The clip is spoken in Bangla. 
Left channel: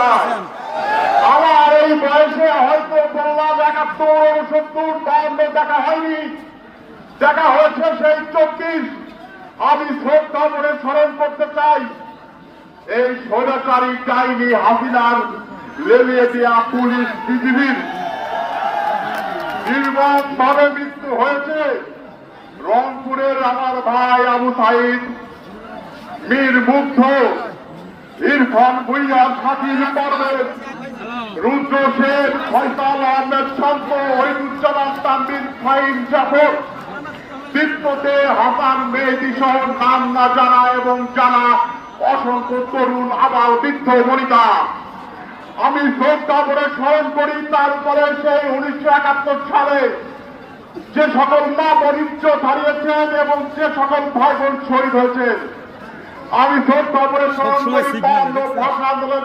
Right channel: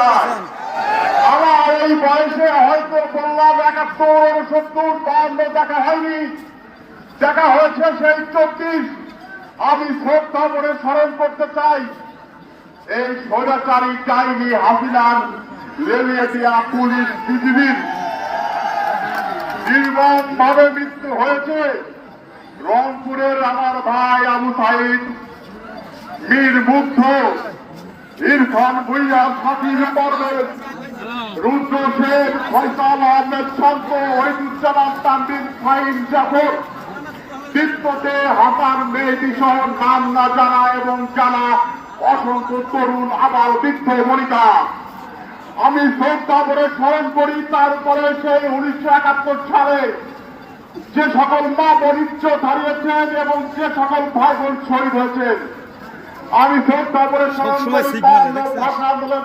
চায়। আমার এই বয়সে হয়তো বললাম 71, 69, 52 দেখা হয়নি, দেখা হয়েছে সেই 24। আমি শ্রদ্ধা করে স্মরণ করতে চাই এই স্বৈরাচারী ডাইনি হাসিনার লেলিয়ে দেওয়া পুলিশ বিজিবির নির্মম ভাবে মৃত্যু হয়েছে রংপুরের আমার ভাই আবু সাইদ, মীর মুগ্ধ, ইরফান ভুইয়া, শাকিল পারভেজ, রুদ্র শেখ, ফয়সাল আহমেদ শান্ত, ওহিদুজ্জামান তানভীর, ফাহিম জাফর, তিব্বতে হাসান মেহেদী সহ নাম না জানা এবং জানা অসংখ্য তরুণ আবার বৃদ্ধ বনিতা। আমি শ্রদ্ধা করে স্মরণ করি তারপরে সেই 1971 সালে যে সকল মা বরিষ্ঠ হারিয়েছেন এবং যে সকল ভাই বোন শহীদ হয়েছেন। আমি শ্রদ্ধা করে স্মরণ করি ভাষা আন্দোলন